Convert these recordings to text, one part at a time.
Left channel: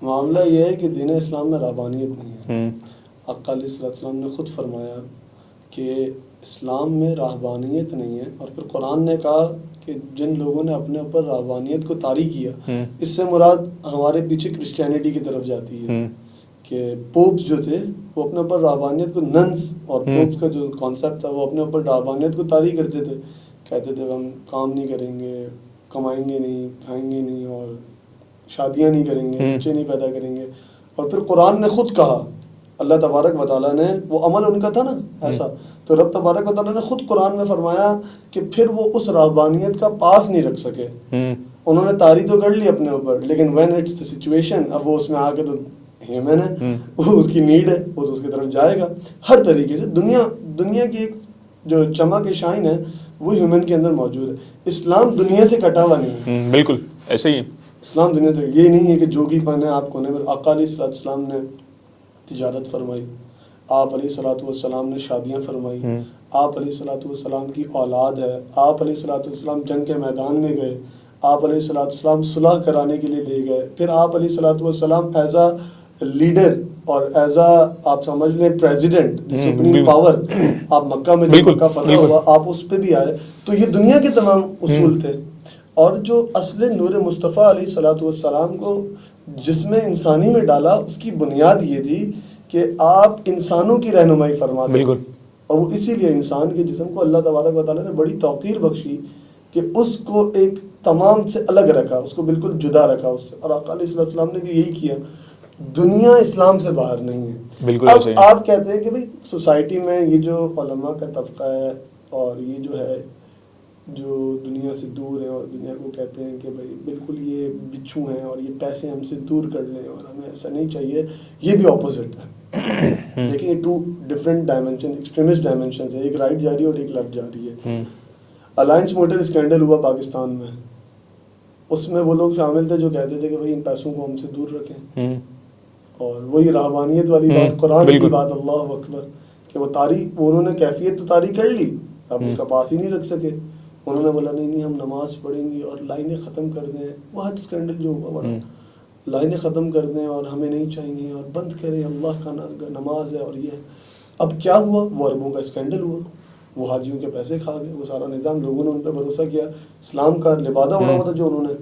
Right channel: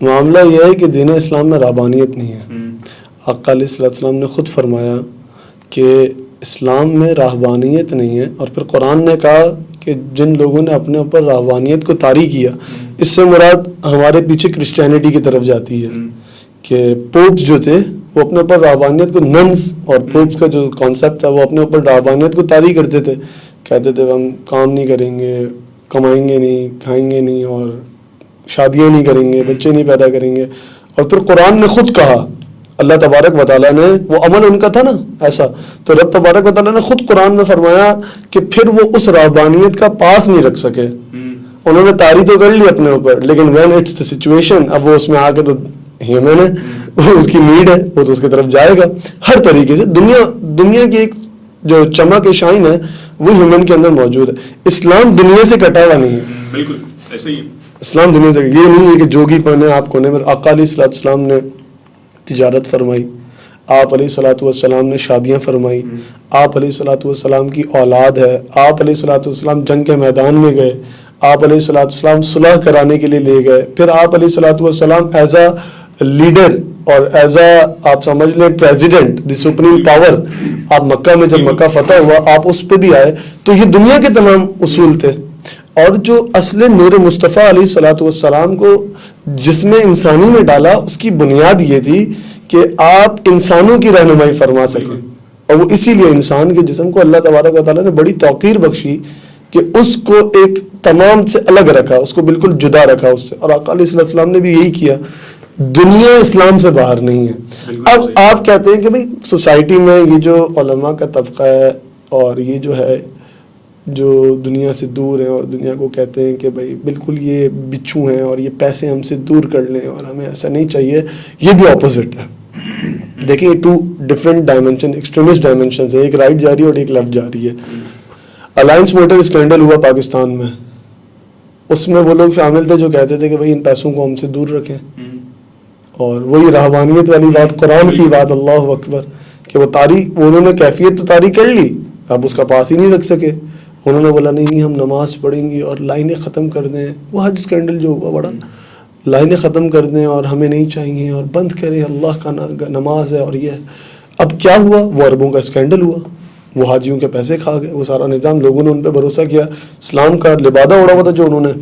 معاملہ یہ ہے کہ دین اسلام میں رہبانیت نہیں ہے. آقا علیہ السلام نے خود فرمایا کہ اسلام میں رہبانیت نہیں ہے، اور پھر قرآن نے کہا کہ جن لوگوں نے اپنے اوپر رہبانیت کو طاری کیا، اس سے مراد ہمارے پیچھے کرسچینٹی کی طرف جاتی ہے کہ پوپس جو تھے وہ اپنے اوپر رہبانیت کو، ننس اور پوپس کا جو کانسیپٹ تھا وہ اپنے اوپر رہبانیت کو طاری کرتے تھے. کہتے تھے ہم کام نہیں کریں گے، کمائیں گے نہیں، کھائیں گے نہیں، اور شادیاں نہیں کریں گے، بچے نہیں پیدا کریں گے. اور پھر قرآن نے خود کہا، اللہ تبارک و تعالیٰ نے، وہ عمل ان کا تھا نا ایسا، تو رب تبارک و تعالیٰ نے خود قرآن میں فرمایا کہ پھر وہ اس رہبانیت کا پاس نہیں رکھ سکے. انہوں نے طاری تو کر لی اپنے اوپر، لیکن وین اٹس دا سچویشن، اب وہ اس میں آ کے تو ہیومن ہے، وہ اس کی نیڈ ہے، وہ تو اس کی طرف جائے گا ہر طریقے سے. دنیا کی ایک جو چمک شائن ہے وہ ہیومن کے اندر موجود ہے. اسلام دنیا سے کٹا ہوا نہیں ہے. بالکل ایسے ہی اسلام دنیا سے، یہ نہیں ہے کہ جوگی پہنے آپ کونے میں. آقا علیہ السلام نے تجارت فرمائی، آپ علیہ الصلوۃ والسلام نے شادیاں فرمائی، آپ علیہ الصلوۃ والسلام کی اولاد ہے، آپ علیہ الصلوۃ والسلام جنگ کے میدان میں گئے، آپ علیہ الصلوۃ والسلام صلح کرانے کے لیے لے گئے، پھر آپ علیہ الصلوۃ والسلام ایز اے لیڈر اور ایز اے آپ سمجھ لیں پریزیڈنٹ، دی سپریم پاور، آپ مکہ میں جب مکہ فتح ہوا آپ اس پہ بھی آئے. تو یہ دنیا کے تمام اصول تھے. اور جو اصل نور مصطفیٰ علیہ الصلوۃ والسلام کو جسم انسانی میں ڈالا، اس کی بنیاد یہ تھی کہ آپ انسانوں کی رہنمائی فرما سکیں. اور وہ اسی لیے انسان کے جسم کو اللہ تبارک و تعالیٰ نے بڑی توقیر بخشی کہ اس کو ایک تمام سے الگ رکھا، اس کو بالکل جدا رکھا اس سے. اور آقا علیہ السلام نے بھی یہی کیا. دنیا اسلام سے باہر نہیں ہے. اب آپ کہتے ہیں کہ بھئی سوسائٹی میں یہ جو علماء کا طبقہ ہے اور یہ جو ہے جو دنیا سے دور ہیں، اور دنیا کو کہتے ہیں کہ بھئی بالکل یہ بچھو ہیں اور یہ پیسے ہم سے دور کر لیں اور ہمیں ایسا نہیں چاہیے، یہ بھی اپوزٹ ہے. دیکھیں یہ 2 ڈفرینٹ ڈائمنشن، ایکسٹریمسٹ ڈائمنشنز ہیں، ایک رائٹ جا رہی ہے اور ایک لیفٹ جا رہی ہے. الائنس موٹر اسکینڈل ہوا پاکستان میں، اس میں وہ لوگ شامل تھے جو کہتے تھے کہ بھئی ان پیسوں کو ہم سے دور رکھیں، اور وہی رہبانیت والی بات، قرآن کی بات، اللہ اکبر، کہ وہ انہوں نے کیفیت تو طاری کر لی، اب اس کا پاس ہی نہیں رکھ سکے. انہوں نے بولا نہیں ہم نماز پڑھیں گے اور لائنیں ختم کر دیں. وہ حج اسکینڈل جو ہوا بڑا، لائنیں ختم کر دیں اور ہمیں نہیں چاہیے اور بند کریں، اللہ کا نماز ہے. اور یہ اب کیا ہوا، وہ عربوں کا اسکینڈل ہوا، وہ حاجیوں کے پیسے کھا گئے، وہ سارا نظام، لوگوں نے ان پہ بھروسہ کیا. اسلام کا لبادہ ہو رہا ہوا تھا جو انہوں نے،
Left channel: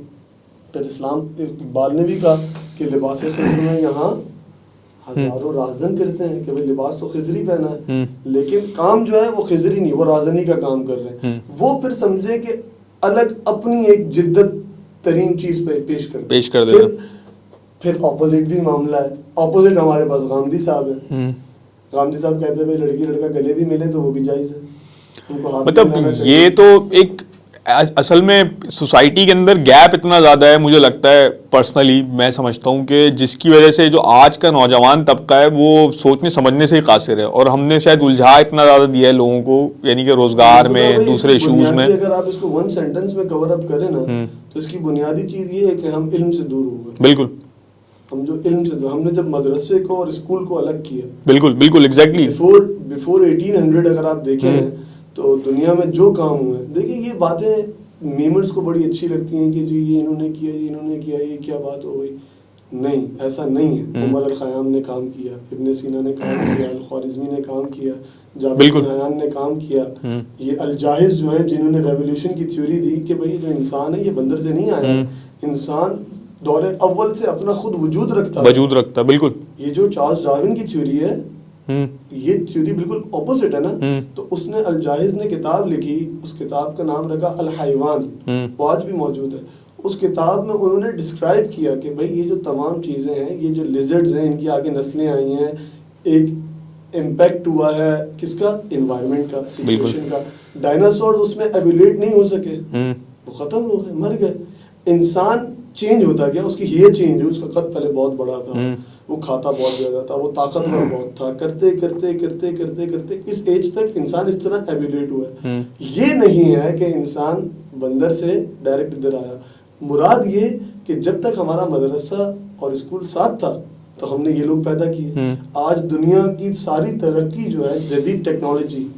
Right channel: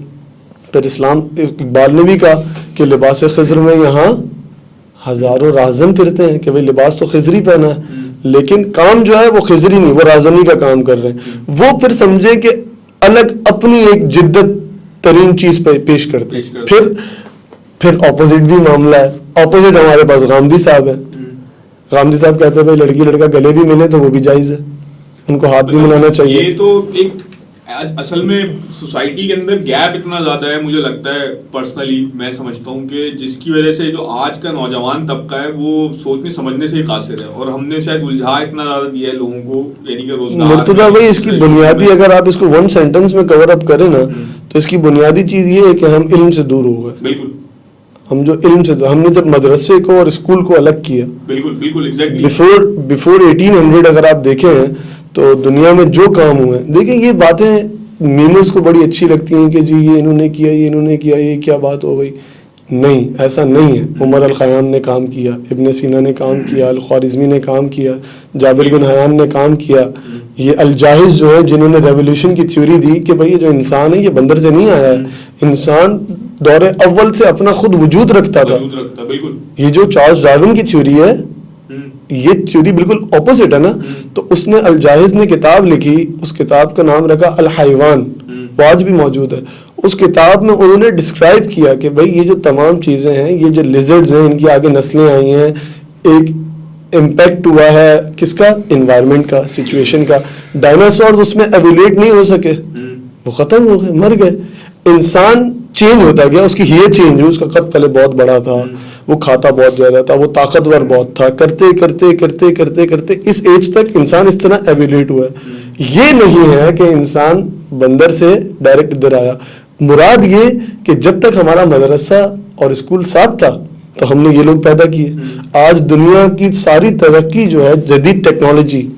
پھر اسلام، اقبال نے بھی کہا کہ لباس خضر میں یہاں ہزاروں راہزن پھرتے ہیں، کہ بھئی لباس تو خضری پہنا ہے لیکن کام جو ہے وہ خضری نہیں، وہ راہزنی کا کام کر رہے ہیں. وہ پھر سمجھے کہ الگ اپنی ایک جدت ترین چیز پہ پیش کرتے ہیں. پھر اپوزٹ بھی معاملہ ہے. اپوزٹ ہمارے پاس غامدی صاحب ہے. غامدی صاحب کہتے ہیں بھائی لڑکی لڑکا گلے بھی ملے تو وہ بھی جائز ہے، ان کو ہاتھ بھی ملانا چاہیے. یہ تو ایک اصل میں سوسائٹی کے اندر گیپ اتنا زیادہ ہے، مجھے لگتا ہے پرسنلی میں سمجھتا ہوں کہ جس کی وجہ سے جو آج کا نوجوان طبقہ ہے وہ سوچنے سمجھنے سے ہی قاصر ہے، اور ہم نے شاید الجھا اتنا زیادہ دیا ہے لوگوں کو، یعنی کہ روزگار میں. اس کی بنیادی، اگر آپ اس کو 1 سینٹنس میں کور اپ کریں نا تو اس کی بنیادی چیز یہ ہے کہ ہم علم سے دور ہو گئے. بالکل، ہم جو علم سے، ہم نے جب مدرسے کو اور اسکول کو الگ کیا. بالکل بالکل ایگزیکٹلی. بیفور 1800 اگر آپ دیکھیں تو دنیا میں جو کام ہوئے ہیں، دیکھیں یہ باتیں میمرز کو بڑی اچھی لگتی ہیں کہ جی یہ انہوں نے کیا، یہ انہوں نے کیا، یہ کیا بات ہو گئی. نہیں، ایسا نہیں ہے. عمر الخیام نے کام کیا، ابن سینا نے کام کیا، الخوارزمی نے کام کیا، جابر بن حیان نے کام کیا. یہ الجاحظ جو ہے جنہوں نے ریولیوشن کی تھیوری دی کہ بھئی یہ جو انسان ہے یہ بندر سے نہیں آیا ہے، انسان دور اول سے اپنا خود وجود رکھتا تھا. بالکل. یہ جو چارلس ڈارون کی تھیوری ہے یہ تھیوری بالکل اپوزٹ ہے نا. تو اس نے الجاحظ نے کتاب لکھی، اس کتاب کا نام رکھا الحیوان، وہ آج بھی موجود ہے. اس کتاب میں انہوں نے ڈسکرائب کیا کہ بھئی یہ جو تمام چیزیں ہیں، یہ جو لیزرڈز ہیں، ان کی آگے نسلیں آئی ہیں، ایک امپیکٹ ہوا ہے کس کا؟ انوائرمنٹ کا، سچویشن کا. ڈائناسورز اس میں ایولیٹ نہیں ہو سکے، وہ ختم ہو گئے، مر گئے. انسان چینج ہوتا گیا، اس کی ہیئر چینج ہوئی، اس کا قد پہلے بہت بڑا تھا، وہ کھاتا بہت زیادہ تھا، وہ طاقتور بہت تھا، کرتے کرتے کرتے کرتے کرتے اس ایج تک انسان اس طرح ایولیٹ ہوا ہے. یہ نہیں ہے کہ انسان بندر سے ڈائریکٹ ادھر آیا. مراد یہ کہ جب تک ہمارا مدرسہ اور اسکول ساتھ تھا تو ہم نے یہ لوگ پیدا کیے. آج دنیا کی ساری ترقی جو ہے جدید ٹیکنالوجی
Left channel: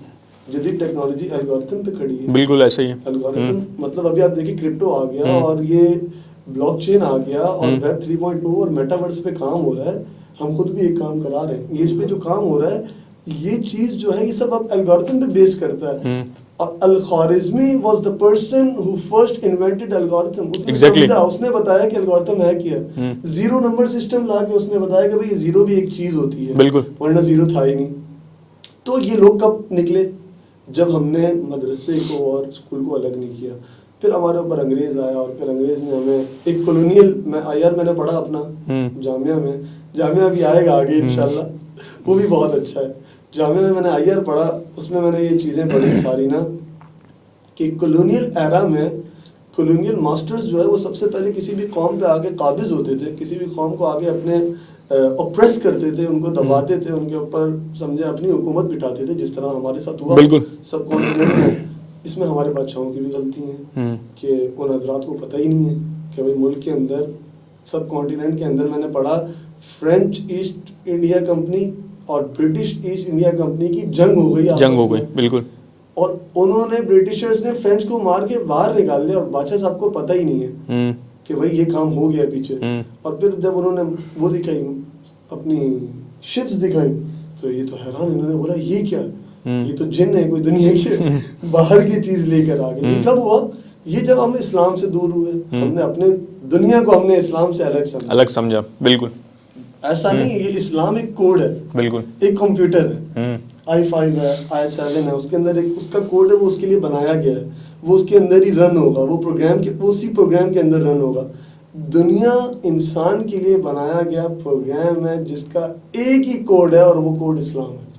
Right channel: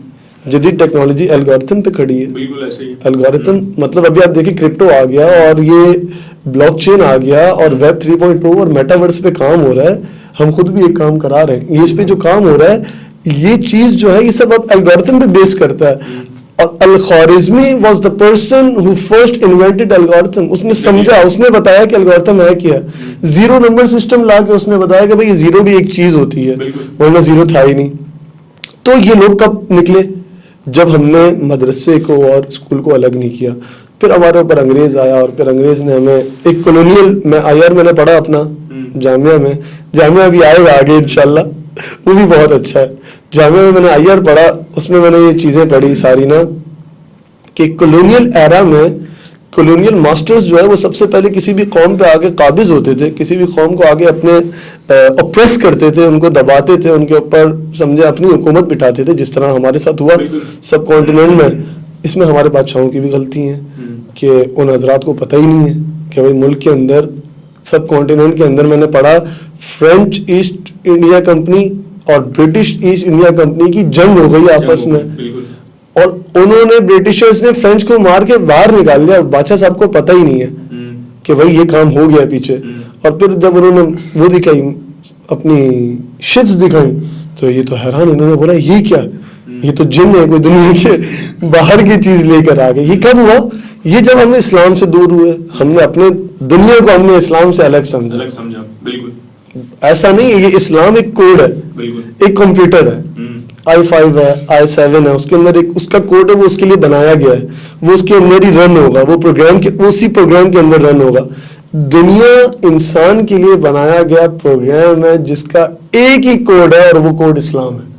الگورتھم پہ کھڑی ہے. بالکل ایسا ہی. الگورتھم مطلب ابھی آپ دیکھیں کرپٹو آ گیا اور یہ بلاک چین آ گیا اور ویب 3.0 اور میٹاورس پہ کام ہو رہا ہے. ہم خود بھی ایک کام کرا رہے ہیں. یہ اس پہ جو کام ہو رہا ہے یہ چیز جو ہے یہ سب اب الگورتھم پہ بیس کرتا ہے. Al Khwarizmi was the person who first invented algorithm. اس نے سمجھا, اس نے بتایا کہ الگورتھم ہے کیا. زیرو نمبر سسٹم لا کے اس نے بتایا کہ بھائی یہ زیرو بھی ایک چیز ہوتی ہے, ورنہ زیرو تھا ہی نہیں. تو یہ لوگ کب نکلے؟ جب ہم نے مدرسے کو اور اسکول کو الگ نہیں کیا. پھر ہمارے اوپر انگریز آیا اور پھر انگریز نے ہمیں ایک کولونیل, میں IR میں نے پڑھا اپنا جامعہ میں, جامعہ بھی آئے گا آگے انشاءاللہ, وہ بھی بہت اچھا ہے. جامعہ میں نے IR پڑھا, اس میں نے یہ چیزیں پڑھی ساری نا کہ کولونیل ایرا میں کولونیل ماسٹرز جو ہے وہ سب سے پہلے کسی بھی قوم پہ آگے قابض ہوتے تھے, کسی بھی قوم کو آگے اپنے اپریس کرتے تھے, ان کو دباتے تھے, ان کے اوپر سمجھے اپنی حکومت بٹھاتے تھے, جس طرح ہمارے ساتھ ہوا سب کانٹیننٹ میں. اس میں ہمارے بادشاہوں کی بھی غلطی ہیں کہ ان حضرات کو پتہ ہی نہیں ہے کہ بھائی ملک کے اندر سب کانٹیننٹ کے اندر میں نے پڑھا فرینچ ایسٹ انڈیا کمپنی اور برٹش ایسٹ انڈیا کمپنی کی جنگ ہو گئی آپس میں, اور انہوں نے برٹشرز نے فرینچ کو مار کے باہر نکال دیا, اور بادشاہ صاحب کو پتہ ہی نہیں ہے کہ بھائی یہ کام ہو گیا پیچھے. اور پھر جب انہوں نے وہ دکھائی اپنی شپس دکھائی تو یہ تو حیران, انہوں نے بولا یہ کیا, یہ تو جن ہے, کوئی دنیا کے باہر کی چیز لے کر آ گئے. یہ کب ہوا؟ یہ جب ہم نے اسلام سے دور ہوئے, ہم نے اپنے دنیا کو ہم نے اسلام سے الگ سمجھا. بالکل ایسا نہیں ہے, یہ اسلام ایک کوڈ ہے, بالکل ایک کمپیوٹر ہے, i5 ہے, i7 ہے, اس کے اندر ایک اس کا کوڈ ہے, وہ اس کے لیے بنایا گیا ہے, وہ اس کے اندر ہی رن ہوگا, وہ پروگرام کے اسی پروگرام کے اندر رن ہوگا. دنیا انسان کے لیے بنایا گیا پروگرام ہے جس کا ایک ہی کوڈ ہے اور وہ کوڈ اسلام ہے.